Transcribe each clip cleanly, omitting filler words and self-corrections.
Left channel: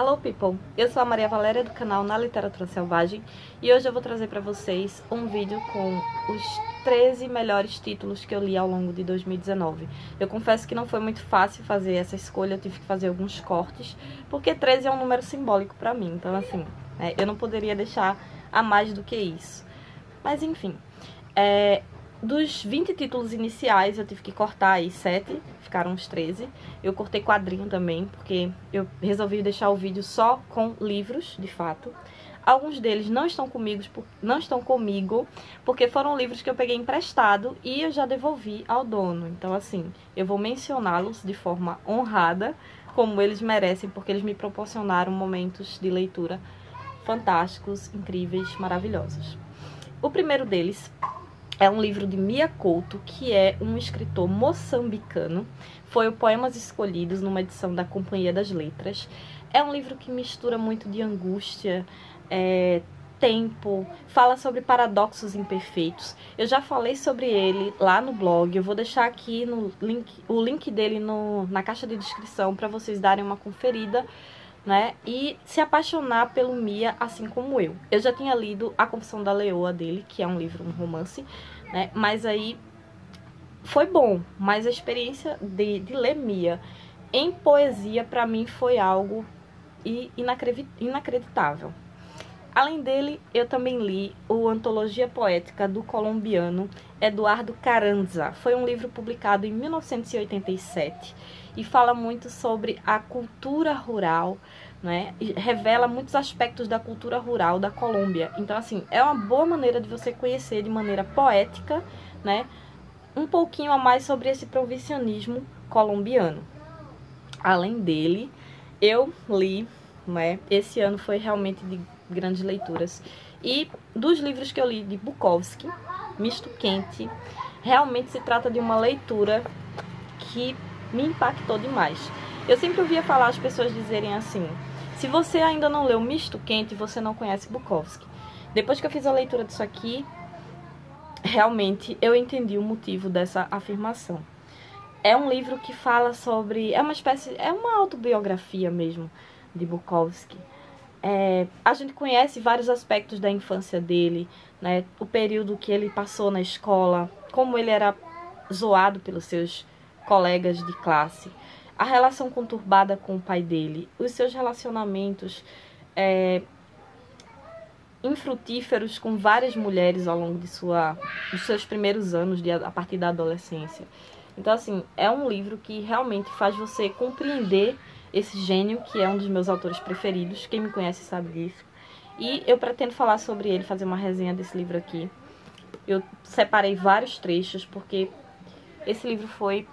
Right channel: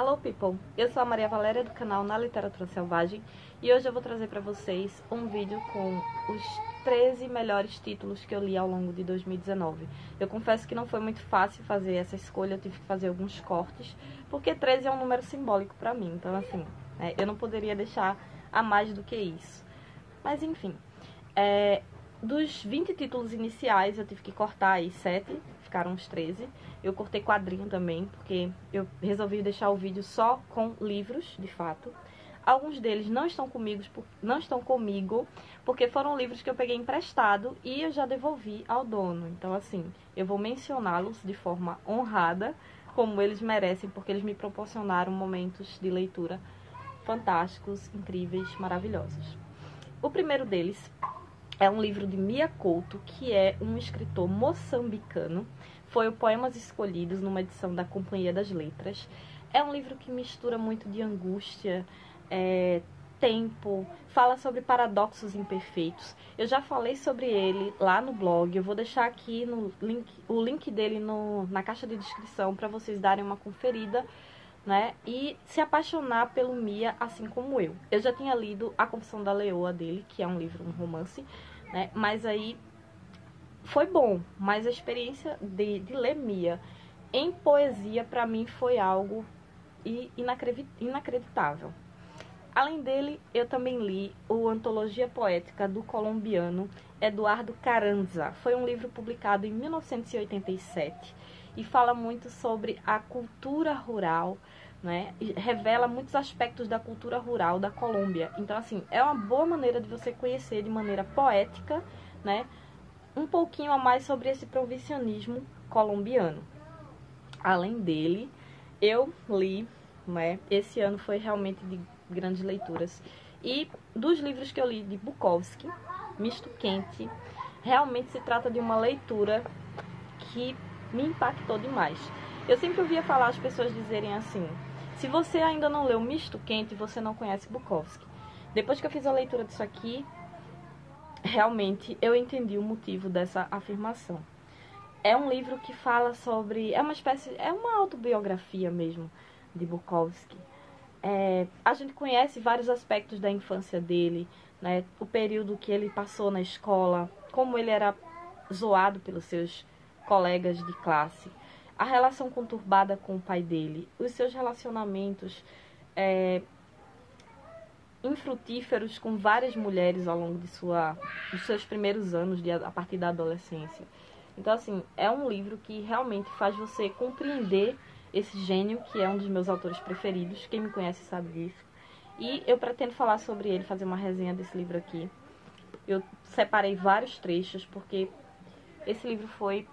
Hello people, eu sou a Maria Valéria do canal Na Literatura Selvagem e hoje eu vou trazer para vocês um vídeo com os 13 melhores títulos que eu li ao longo de 2019. Eu confesso que não foi muito fácil fazer essa escolha, eu tive que fazer alguns cortes, porque 13 é um número simbólico para mim, então assim, eu não poderia deixar a mais do que isso. Mas enfim, dos 20 títulos iniciais eu tive que cortar aí 7, ficaram uns 13. Eu cortei quadrinho também, porque eu resolvi deixar o vídeo só com livros, de fato. Alguns deles não estão comigo, porque foram livros que eu peguei emprestado e eu já devolvi ao dono. Então assim, eu vou mencioná-los de forma honrada, como eles merecem, porque eles me proporcionaram momentos de leitura fantásticos, incríveis, maravilhosos. O primeiro deles é um livro de Mia Couto, que é um escritor moçambicano. Foi o Poemas Escolhidos, numa edição da Companhia das Letras. É um livro que mistura muito de angústia, tempo, fala sobre paradoxos imperfeitos. Eu já falei sobre ele lá no blog, eu vou deixar aqui o link dele na caixa de descrição para vocês darem uma conferida, né? E se apaixonar pelo Mia, assim como eu. Eu já tinha lido A Confissão da Leoa dele, que é um livro, um romance, né? Mas aí foi bom, mas a experiência de ler Mia em poesia para mim foi algo inacreditável. Além dele, eu também li o Antologia Poética do colombiano Eduardo Carranza. Foi um livro publicado em 1987 e fala muito sobre a cultura rural, né? E revela muitos aspectos da cultura rural da Colômbia. Então, assim, é uma boa maneira de você conhecer de maneira poética, né, um pouquinho a mais sobre esse provincianismo colombiano. Além dele, eu li, né, esse ano foi realmente de grandes leituras. E dos livros que eu li de Bukowski, Misto Quente, realmente se trata de uma leitura que me impactou demais. Eu sempre ouvia falar as pessoas dizerem assim: se você ainda não leu Misto Quente, você não conhece Bukowski. Depois que eu fiz a leitura disso aqui, realmente eu entendi o motivo dessa afirmação. É um livro que fala sobre... é uma autobiografia mesmo de Bukowski. A gente conhece vários aspectos da infância dele, né? O período que ele passou na escola, como ele era zoado pelos seus colegas de classe, a relação conturbada com o pai dele, os seus relacionamentos infrutíferos com várias mulheres ao longo dos seus primeiros anos, a partir da adolescência. Então, assim, é um livro que realmente faz você compreender esse gênio, que é um dos meus autores preferidos. Quem me conhece sabe disso. E eu pretendo falar sobre ele, fazer uma resenha desse livro aqui. Eu separei vários trechos, porque esse livro foi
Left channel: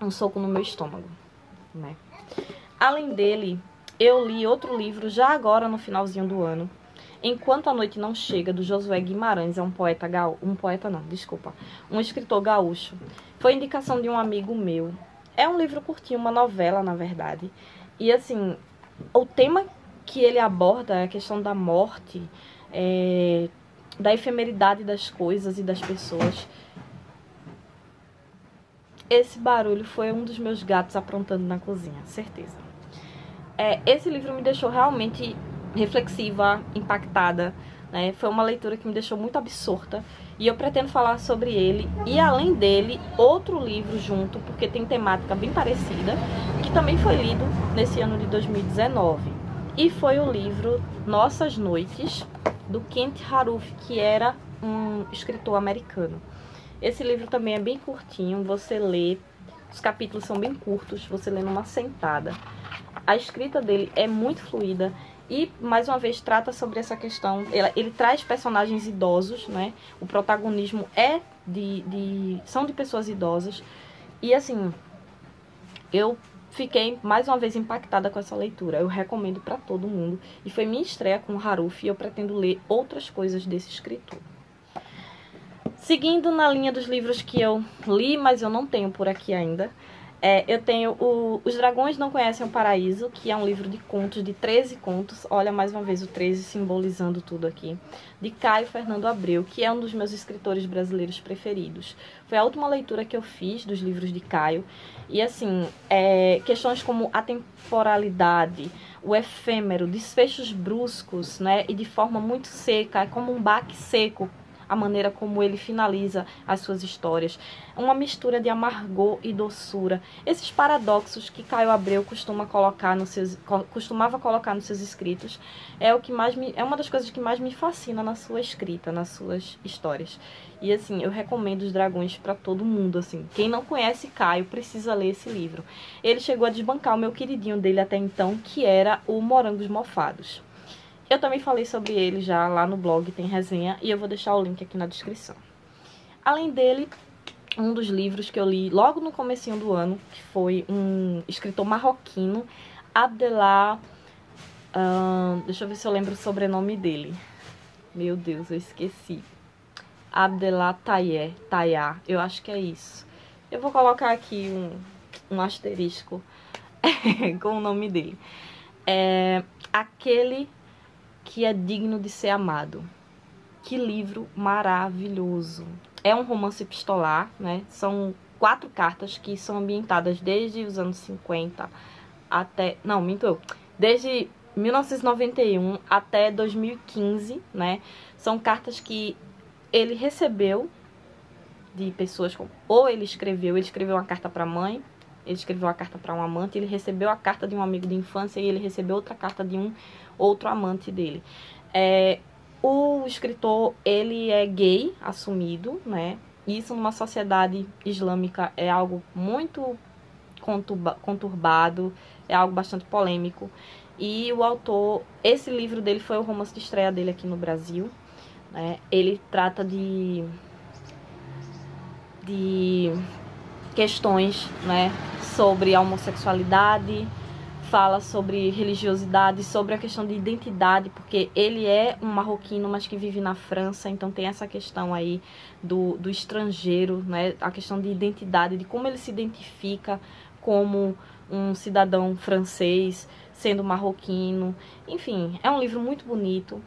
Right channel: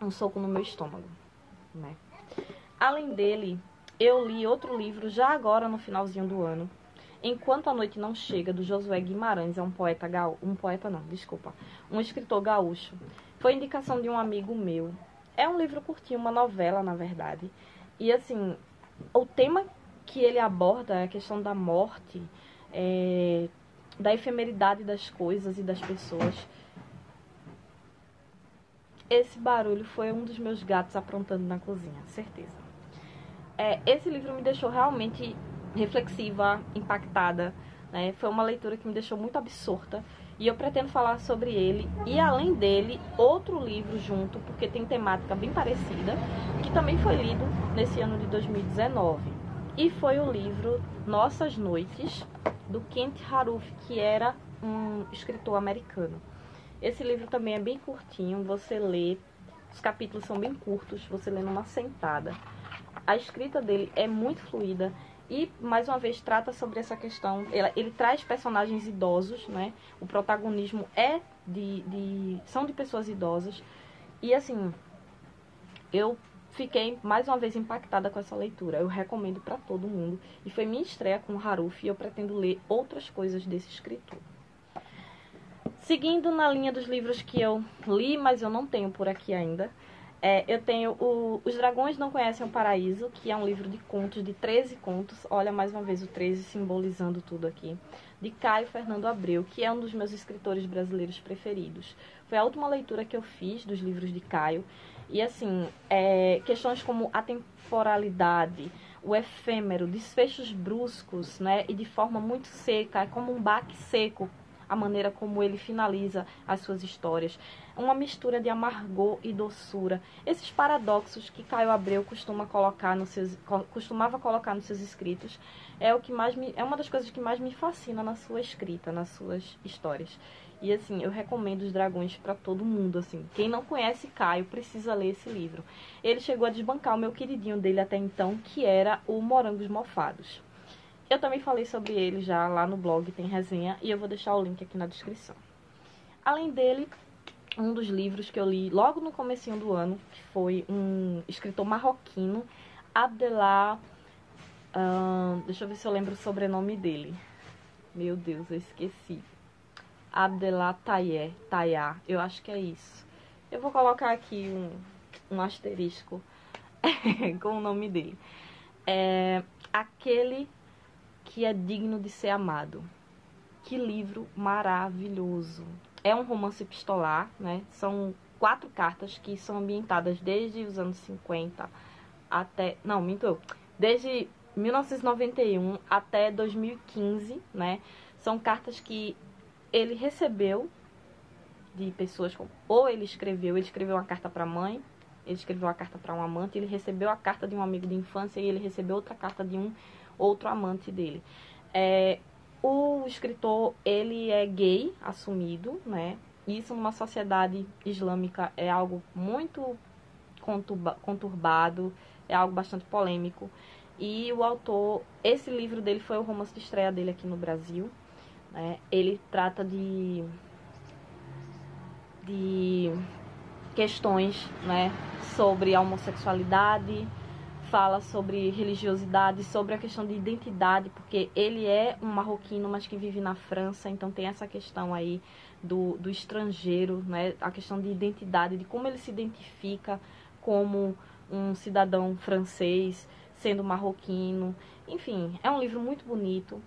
um soco no meu estômago, né? Além dele, eu li outro livro já agora no finalzinho do ano, Enquanto a Noite Não Chega, do Josué Guimarães. É um escritor gaúcho. Foi indicação de um amigo meu. É um livro curtinho, uma novela, na verdade. E assim, o tema que ele aborda é a questão da morte, da efemeridade das coisas e das pessoas. Esse barulho foi um dos meus gatos aprontando na cozinha, certeza. Esse livro me deixou realmente reflexiva, impactada, né? Foi uma leitura que me deixou muito absorta e eu pretendo falar sobre ele e, além dele, outro livro junto, porque tem temática bem parecida, que também foi lido nesse ano de 2019, e foi o livro Nossas Noites, do Kent Haruf, que era um escritor americano. Esse livro também é bem curtinho, você lê, os capítulos são bem curtos, você lê numa sentada. A escrita dele é muito fluida e, mais uma vez, trata sobre essa questão. Ele traz personagens idosos, né? O protagonismo são de pessoas idosas. E, assim, eu fiquei, mais uma vez, impactada com essa leitura. Eu recomendo para todo mundo. E foi minha estreia com o Haruf e eu pretendo ler outras coisas desse escritor. Seguindo na linha dos livros que eu li, mas eu não tenho por aqui ainda, Eu tenho Os Dragões Não Conhecem o Paraíso, que é um livro de contos, de 13 contos. Olha, mais uma vez o 13 simbolizando tudo aqui. De Caio Fernando Abreu, que é um dos meus escritores brasileiros preferidos. Foi a última leitura que eu fiz dos livros de Caio. E assim, questões como a temporalidade, o efêmero, desfechos bruscos, né? E de forma muito seca, é como um baque seco a maneira como ele finaliza as suas histórias. Uma mistura de amargor e doçura. Esses paradoxos que Caio Abreu costumava colocar nos seus escritos é uma das coisas que mais me fascina na sua escrita, nas suas histórias. E assim, eu recomendo Os Dragões para todo mundo, assim. Quem não conhece Caio precisa ler esse livro. Ele chegou a desbancar o meu queridinho dele até então, que era o Morangos Mofados. Eu também falei sobre ele já lá no blog, tem resenha, e eu vou deixar o link aqui na descrição. Além dele, um dos livros que eu li logo no comecinho do ano, que foi um escritor marroquino, Abdellah... deixa eu ver se eu lembro o sobrenome dele. Meu Deus, eu esqueci. Abdellah Tayar, eu acho que é isso. Eu vou colocar aqui um asterisco com o nome dele. Aquele que é digno de ser amado. Que livro maravilhoso. É um romance epistolar, né? São 4 cartas que são ambientadas desde os anos 50 até... Não, minto eu. Desde 1991 até 2015, né? São cartas que ele recebeu de pessoas... Ou ele escreveu uma carta para a mãe, ele escreveu uma carta para um amante, ele recebeu a carta de um amigo de infância e ele recebeu outra carta de um outro amante dele. O escritor, ele é gay, assumido, né? Isso numa sociedade islâmica é algo muito conturbado, é algo bastante polêmico. E o autor, esse livro dele foi o romance de estreia dele aqui no Brasil, né? Ele trata de questões, né, sobre a homossexualidade, fala sobre religiosidade, sobre a questão de identidade, porque ele é um marroquino, mas que vive na França, então tem essa questão aí do estrangeiro, né, a questão de identidade, de como ele se identifica como um cidadão francês, sendo marroquino. Enfim, é um livro muito bonito,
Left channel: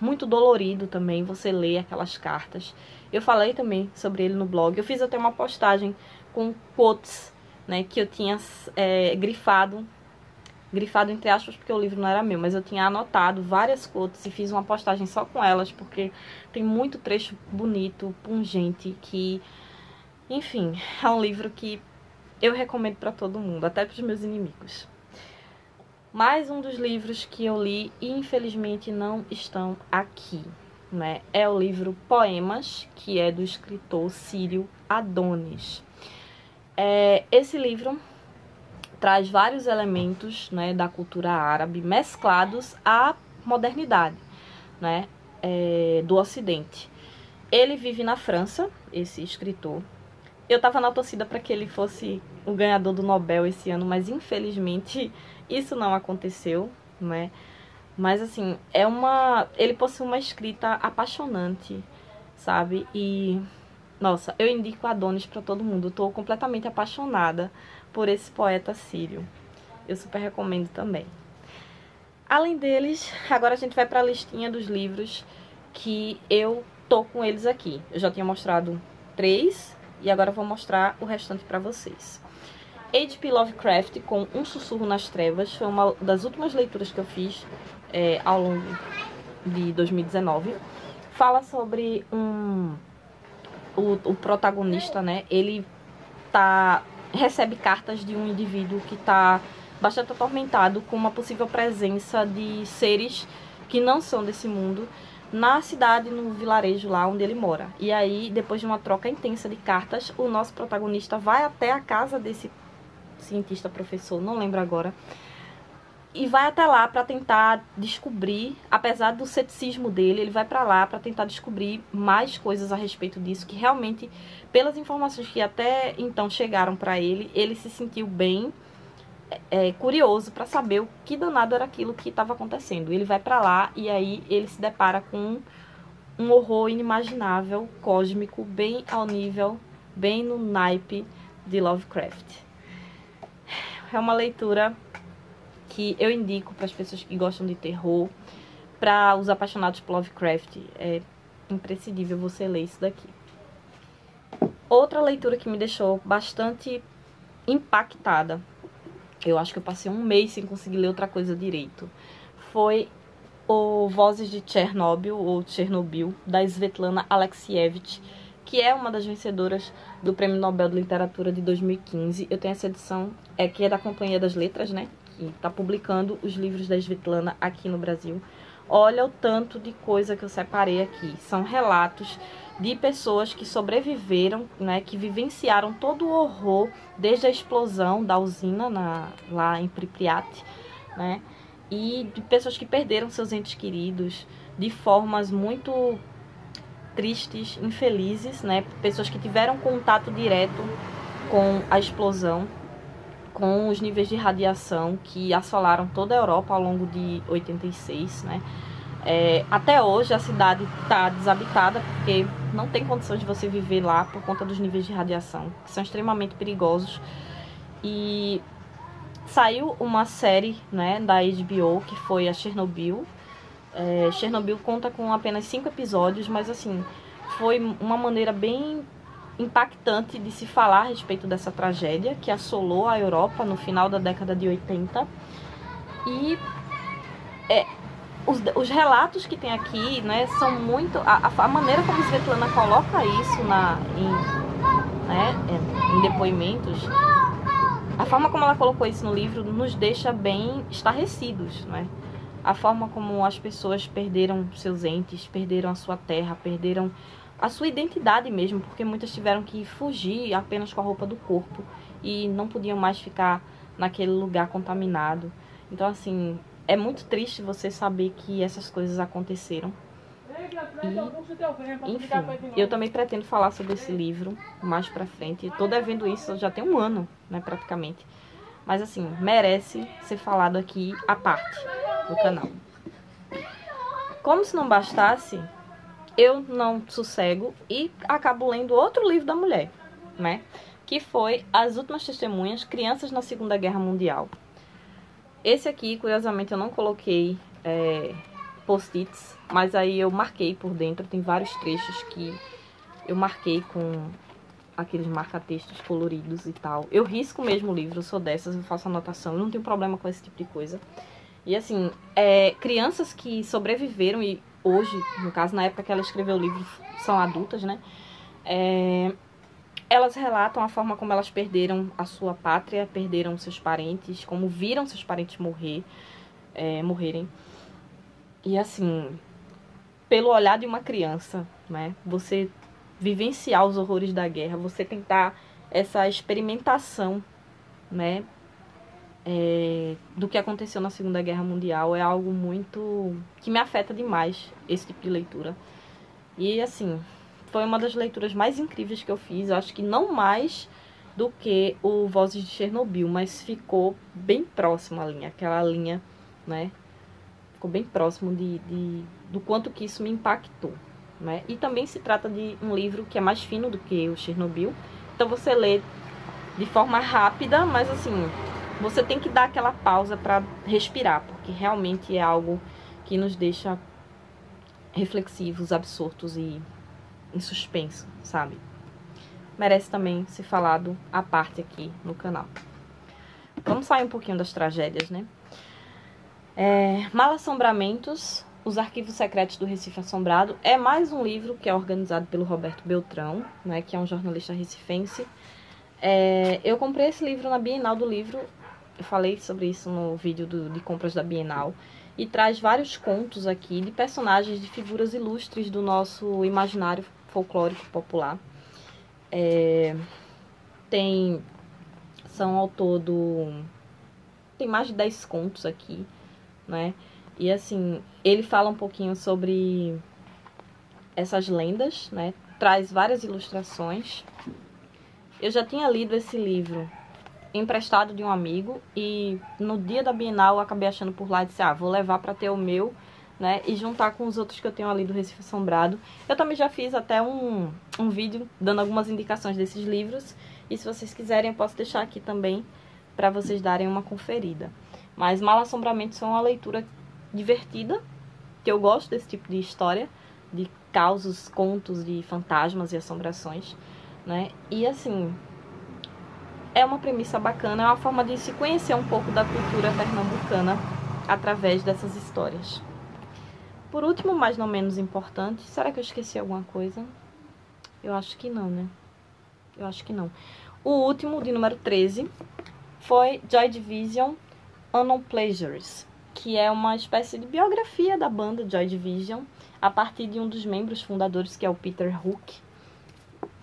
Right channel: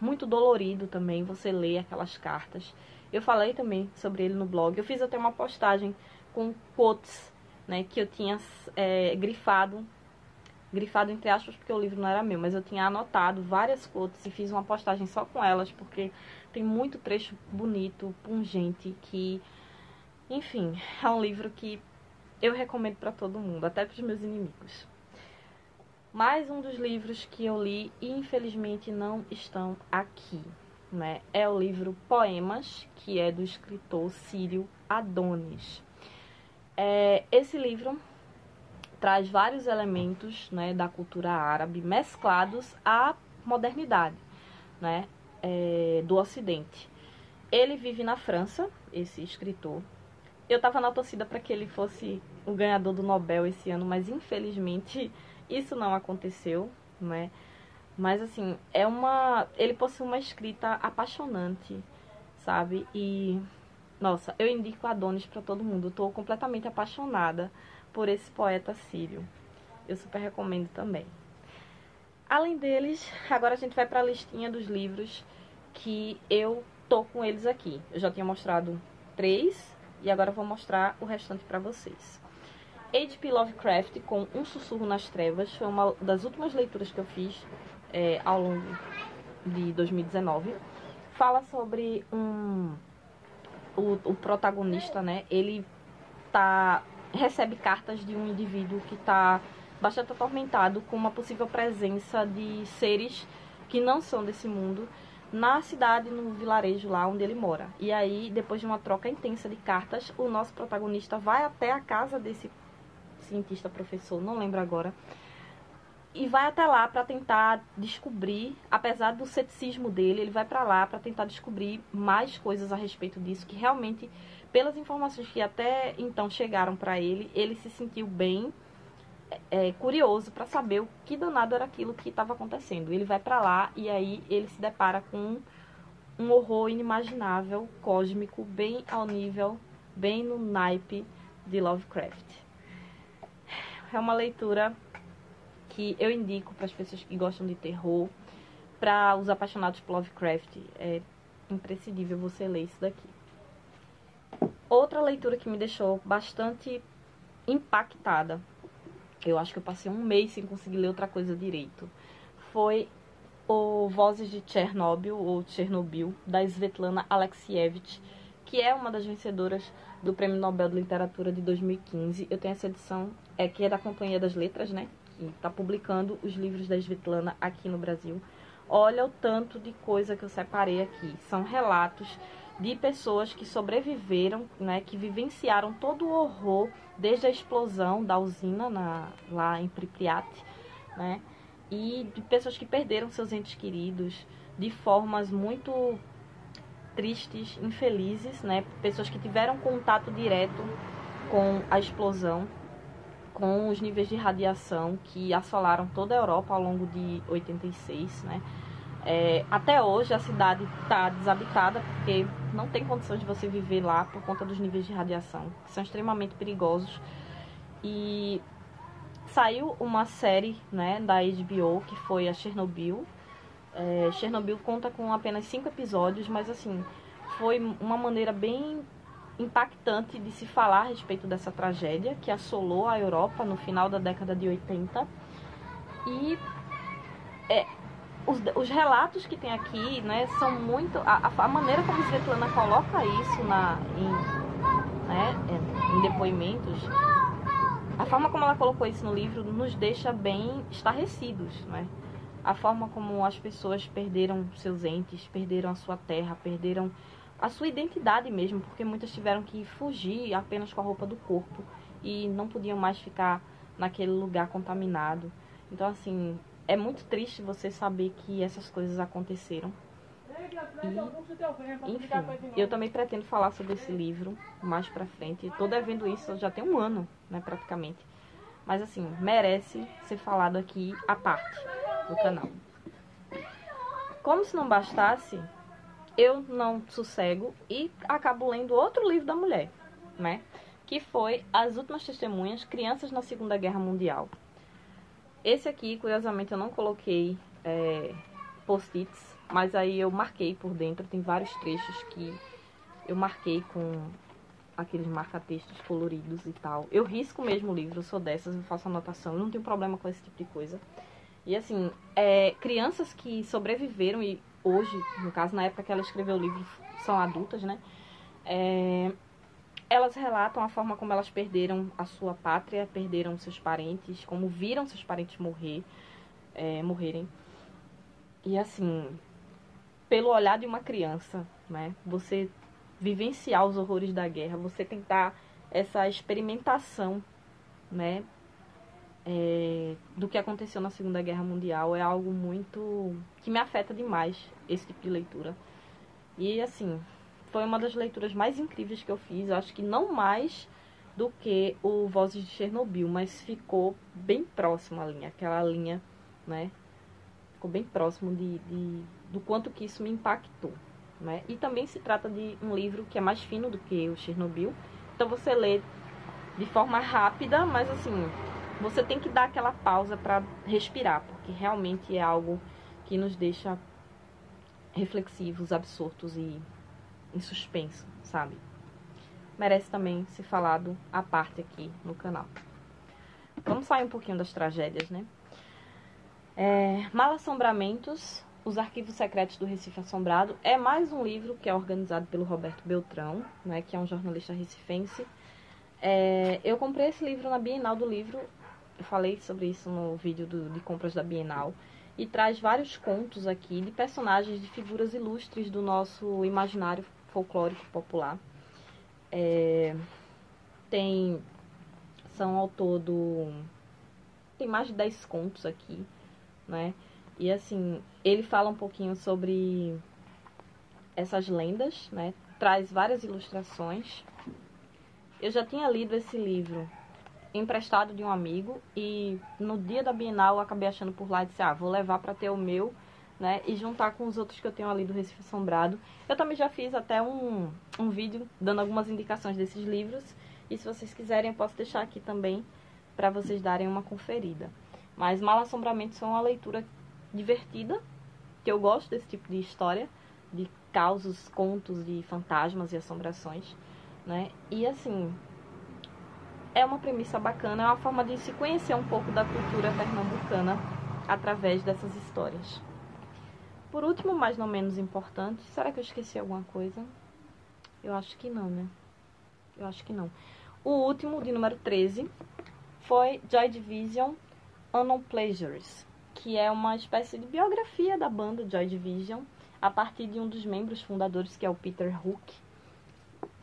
muito dolorido também, você lê aquelas cartas. Eu falei também sobre ele no blog, eu fiz até uma postagem com quotes, né, que eu tinha grifado entre aspas, porque o livro não era meu, mas eu tinha anotado várias quotes e fiz uma postagem só com elas, porque tem muito trecho bonito, pungente, que, enfim, é um livro que eu recomendo para todo mundo, até para os meus inimigos. Mais um dos livros que eu li e infelizmente não estão aqui, né, é o livro Poemas, que é do escritor Círio Adonis. Esse livro traz vários elementos, né, da cultura árabe mesclados à modernidade, né, do Ocidente. Ele vive na França, esse escritor. Eu estava na torcida para que ele fosse o ganhador do Nobel esse ano, mas infelizmente isso não aconteceu, né? Mas assim, ele possui uma escrita apaixonante, sabe? E nossa, eu indico Adonis para todo mundo. Eu tô completamente apaixonada por esse poeta sírio. Eu super recomendo também. Além deles, agora a gente vai para a listinha dos livros que eu tô com eles aqui. Eu já tinha mostrado 3 e agora eu vou mostrar o restante para vocês. H.P. Lovecraft com Um Sussurro nas Trevas foi uma das últimas leituras que eu fiz ao longo de 2019. Fala sobre o protagonista, né? Ele recebe cartas de um indivíduo que está bastante atormentado com uma possível presença de seres que não são desse mundo na cidade, no vilarejo lá onde ele mora. E aí, depois de uma troca intensa de cartas, o nosso protagonista vai até a casa desse cientista, professor, não lembro agora, e vai até lá para tentar descobrir, apesar do ceticismo dele, ele vai para lá para tentar descobrir mais coisas a respeito disso, que realmente, pelas informações que até então chegaram para ele, ele se sentiu bem curioso para saber o que danado era aquilo que estava acontecendo. Ele vai para lá e aí ele se depara com um horror inimaginável, cósmico, bem ao nível, bem no naipe de Lovecraft. É uma leitura que eu indico para as pessoas que gostam de terror, para os apaixonados por Lovecraft. É imprescindível você ler isso daqui. Outra leitura que me deixou bastante impactada, eu acho que eu passei um mês sem conseguir ler outra coisa direito, foi o Vozes de Chernobyl, ou Chernobyl, da Svetlana Alexievich, que é uma das vencedoras do Prêmio Nobel de Literatura de 2015. Eu tenho essa edição, que é da Companhia das Letras, né? Que está publicando os livros da Svetlana aqui no Brasil. Olha o tanto de coisa que eu separei aqui. São relatos de pessoas que sobreviveram, né? Que vivenciaram todo o horror desde a explosão da usina lá em Pripyat, né? E de pessoas que perderam seus entes queridos de formas muito tristes, infelizes, né? Pessoas que tiveram contato direto com a explosão, com os níveis de radiação que assolaram toda a Europa ao longo de 86, né? Até hoje a cidade está desabitada porque não tem condições de você viver lá por conta dos níveis de radiação, que são extremamente perigosos. E saiu uma série, né, da HBO, que foi a Chernobyl. Chernobyl conta com apenas 5 episódios, mas assim, foi uma maneira bem impactante de se falar a respeito dessa tragédia que assolou a Europa no final da década de 80. E os relatos que tem aqui, né, são muito... A maneira como Svetlana coloca isso em depoimentos, a forma como ela colocou isso no livro nos deixa bem estarrecidos, né? A forma como as pessoas perderam seus entes, perderam a sua terra, perderam a sua identidade mesmo, porque muitas tiveram que fugir apenas com a roupa do corpo e não podiam mais ficar naquele lugar contaminado. Então, assim, é muito triste você saber que essas coisas aconteceram. E, enfim, eu também pretendo falar sobre esse livro mais pra frente. Tô devendo isso já tem um ano, né, praticamente. Mas, assim, merece ser falado aqui à parte do canal. Como se não bastasse, eu não sossego e acabo lendo outro livro da mulher, né? Que foi As Últimas Testemunhas, Crianças na Segunda Guerra Mundial. Esse aqui, curiosamente, eu não coloquei post-its, mas aí eu marquei por dentro. Tem vários trechos que eu marquei com aqueles marca-textos coloridos e tal. Eu risco mesmo o livro, eu sou dessas, eu faço anotação, eu não tenho problema com esse tipo de coisa. E assim, crianças que sobreviveram e hoje, no caso, na época que ela escreveu o livro, são adultas, né? Elas relatam a forma como elas perderam a sua pátria, perderam seus parentes, como viram seus parentes morrerem. E assim, pelo olhar de uma criança, né? Você vivenciar os horrores da guerra, você tentar essa experimentação, né? Do que aconteceu na Segunda Guerra Mundial é algo muito... que me afeta demais, esse tipo de leitura. E assim, foi uma das leituras mais incríveis que eu fiz. Eu acho que não mais do que o Vozes de Chernobyl, mas ficou bem próximo a linha, aquela linha, né? Ficou bem próximo do quanto que isso me impactou, né? E também se trata de um livro que é mais fino do que o Chernobyl. Então você lê de forma rápida, mas assim, você tem que dar aquela pausa para respirar, porque realmente é algo que nos deixa reflexivos, absortos e em suspenso, sabe? Merece também ser falado à parte aqui no canal. Vamos sair um pouquinho das tragédias, né? Malassombramentos, Os Arquivos Secretos do Recife Assombrado, é mais um livro que é organizado pelo Roberto Beltrão, né, que é um jornalista recifense. Eu comprei esse livro na Bienal do Livro, eu falei sobre isso no vídeo de compras da Bienal, e traz vários contos aqui de personagens, de figuras ilustres do nosso imaginário folclórico popular. São ao todo, tem mais de 10 contos aqui, né? E assim, ele fala um pouquinho sobre essas lendas, né? Traz várias ilustrações. Eu já tinha lido esse livro emprestado de um amigo e no dia da Bienal eu acabei achando por lá e disse, vou levar para ter o meu, né? E juntar com os outros que eu tenho ali do Recife Assombrado. Eu também já fiz até um vídeo dando algumas indicações desses livros E se vocês quiserem, eu posso deixar aqui também para vocês darem uma conferida. Mas Mal-Assombramentos é uma leitura divertida, que eu gosto desse tipo de história, de causos, contos de fantasmas e assombrações, né? E assim, é uma premissa bacana, é uma forma de se conhecer um pouco da cultura pernambucana através dessas histórias. Por último, mas não menos importante, será que eu esqueci alguma coisa? Eu acho que não, né? Eu acho que não. O último, de número 13, foi Joy Division Unknown Pleasures, que é uma espécie de biografia da banda Joy Division, a partir de um dos membros fundadores, que é o Peter Hook.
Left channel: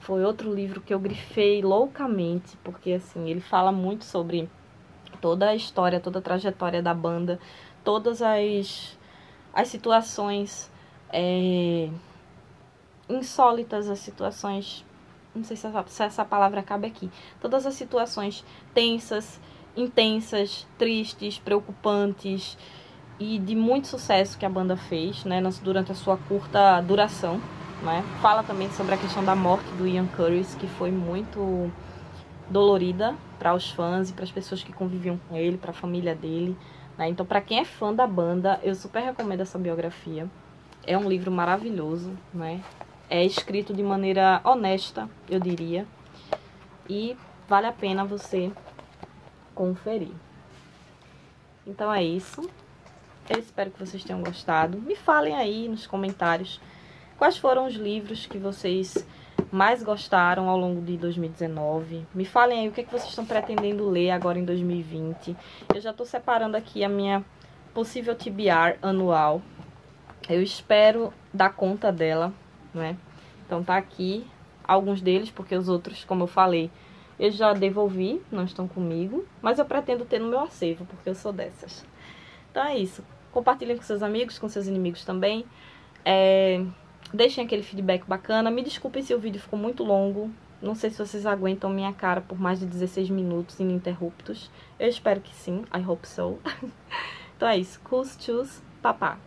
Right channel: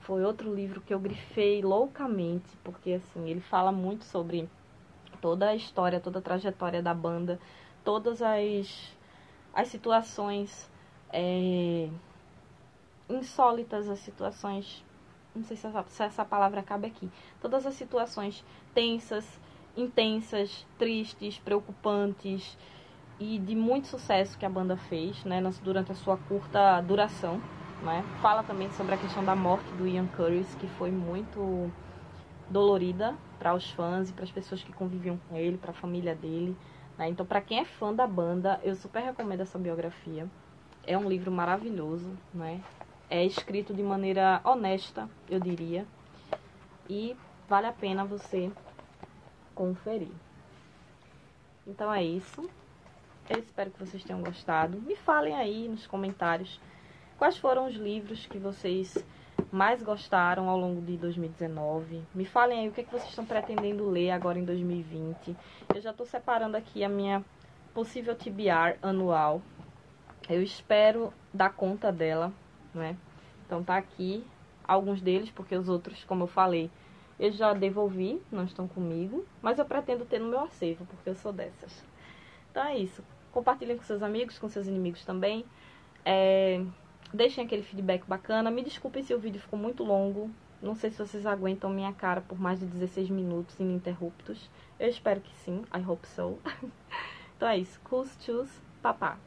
Foi outro livro que eu grifei loucamente, porque assim, ele fala muito sobre toda a história, toda a trajetória da banda, todas as situações insólitas, as situações, não sei se essa palavra cabe aqui, todas as situações tensas, intensas, tristes, preocupantes e de muito sucesso que a banda fez, né, durante a sua curta duração, né? Fala também sobre a questão da morte do Ian Curtis, que foi muito dolorida para os fãs e para as pessoas que conviviam com ele, para a família dele, né? Então, para quem é fã da banda, eu super recomendo essa biografia. É um livro maravilhoso, né? É escrito de maneira honesta, eu diria, e vale a pena você conferir. Então é isso. Eu espero que vocês tenham gostado. Me falem aí nos comentários quais foram os livros que vocês mais gostaram ao longo de 2019. Me falem aí o que é que vocês estão pretendendo ler agora em 2020. Eu já estou separando aqui a minha possível TBR anual. Eu espero dar conta dela, né? Então tá aqui alguns deles, porque os outros, como eu falei, eu já devolvi, não estão comigo. Mas eu pretendo ter no meu acervo, porque eu sou dessas. Então é isso. Compartilhem com seus amigos, com seus inimigos também. Deixem aquele feedback bacana. Me desculpem se o vídeo ficou muito longo. Não sei se vocês aguentam minha cara por mais de 16 minutos ininterruptos. Eu espero que sim. I hope so. Então é isso. Cus, tchus, papá.